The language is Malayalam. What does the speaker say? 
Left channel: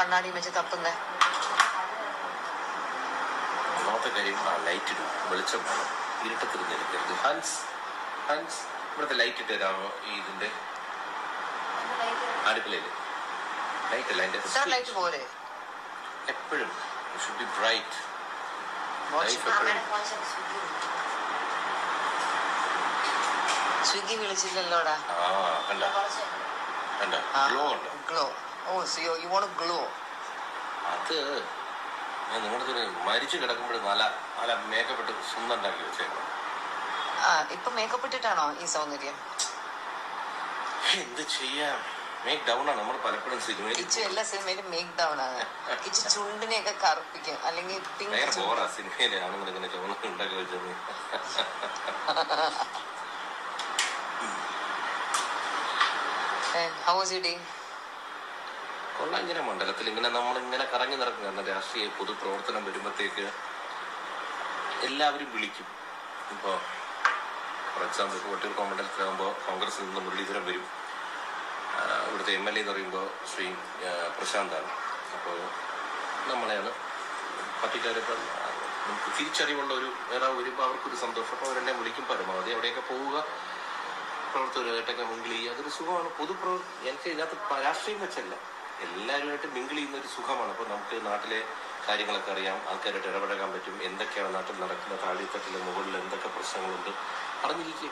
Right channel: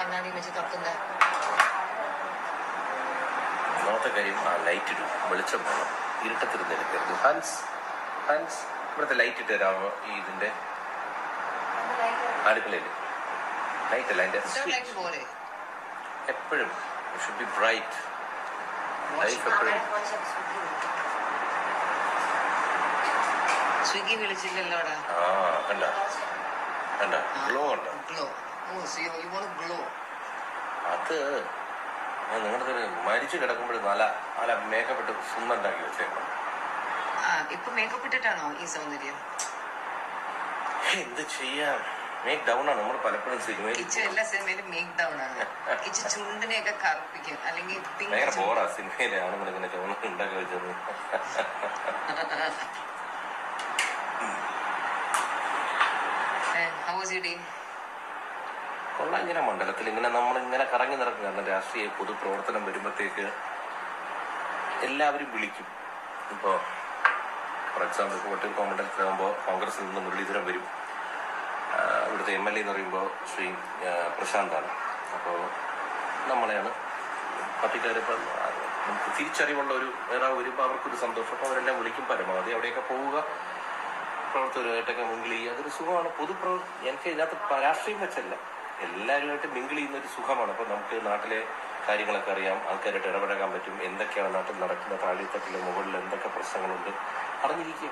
കണ്ണാടി വെച്ച് തപ്പുന്നേ? ഒന്നാമത്തെ കാര്യം ആ ലൈറ്റ് ഇടും, വെളിച്ചം വേണം, ഇരുട്ടത്തിരുന്ന് ഹാൻസ് ഇവിടുത്തെ ലൈറ്റ് ഇട്ട് തരാമോ? ഈ ഇതിന്റെ അടുക്കളയില് ലൈറ്റ് അല്ല, എന്റെ ലൈറ്റ് പോരെ എപ്പോഴും ഷുഡ് ബി ബ്രൈറ്റ് ലൈഫ് എപ്പോഴും. സ്വിഗ്ഗി വിളിച്ചില്ലല്ലോടാ. കണ്ട കണ്ട ഗ്ലോ ഉണ്ടോ? Glow. Oh you want glow. അത് ഞാൻ നിങ്ങളുടെ ഒരു മരിച്ചു കിടക്കുമ്പോൾ നല്ല മേക്കപ്പ് ഇട്ട് സുന്ദരണ്ടാക്കി വെച്ചേക്കണം. ഇപ്പൊ മേക്കപ്പ് ഇട്ടിട്ടാണോ ഈ സൗന്ദര്യം? എന്ത് ചെയ്യാം, മേക്ക് ഡൗൺ ആണ്. നമ്മൾ പലപ്പോഴും കിച്ചു എല്ലാ സിനിമയിലും മേക്ക് ഡൗൺ ആണ്. കിച്ചു ചുണ്ടിനെയൊക്കെ കറുപ്പിക്കും, അല്ലെങ്കിൽ ഭയങ്കര ബോറാ സിനിമയിലെ ആണുങ്ങൾ ഇങ്ങനെ ചുവന്ന ഉണ്ടാക്കി വെച്ചത്. കൊള്ളാം. ഇങ്ങനെ മണ്ഡലത്തിൽ ഇങ്ങനെ നമ്മളിങ്ങനെ കറങ്ങി നടക്കും. കാരണം രാഷ്ട്രീയ പൊതുപ്രവർത്തനം വരുമ്പോഴത്തേക്ക് എല്ലാവരും വിളിക്കും. ഇപ്പോൾ ഫോർ എക്സാമ്പിൾ ഇപ്പോൾ വട്ടിയൂർക്കാവ് മണ്ഡലത്തിലാകുമ്പോൾ കോൺഗ്രസിൽ നിന്ന് മുരളീധരൻ വരും. ഇവിടുത്തെ MLA എന്ന് പറയുമ്പോൾ ശ്രീ പ്രശാന്താണ്. അപ്പോൾ നമ്മളെയാണ് പാർട്ടിക്കാരിപ്പോൾ നമുക്ക് തിരിച്ചറിവുള്ള ഒരു നേതാവ് വരുമ്പോൾ അവർക്കൊരു സന്തോഷം. അപ്പോൾ അവരെല്ലാം വിളിക്കും. പരമാവധി അവിടെയൊക്കെ പോവുക, പ്രവർത്തകരുമായിട്ടൊക്കെ മിങ്കിൾ ചെയ്യുക, അതൊരു സുഖമാണ്. എനിക്ക് ഇതിനകത്ത് രാഷ്ട്രീയം വെച്ചല്ല, എല്ലാവരുമായിട്ട് മിങ്കിൾ ചെയ്യുന്ന ഒരു സുഖമാണ്. അപ്പോൾ നമുക്ക് നാട്ടിലെ കാര്യങ്ങളൊക്കെ അറിയാം, ആൾക്കാരായിട്ട് ഇടപഴകാൻ പറ്റും, എന്തൊക്കെയാണ് നാട്ടിൽ നടക്കുന്ന, താഴെത്തട്ടിലെ മുകളിൽ എന്തൊക്കെ പ്രശ്നങ്ങളുണ്ട് അറിഞ്ഞിരിക്കുക.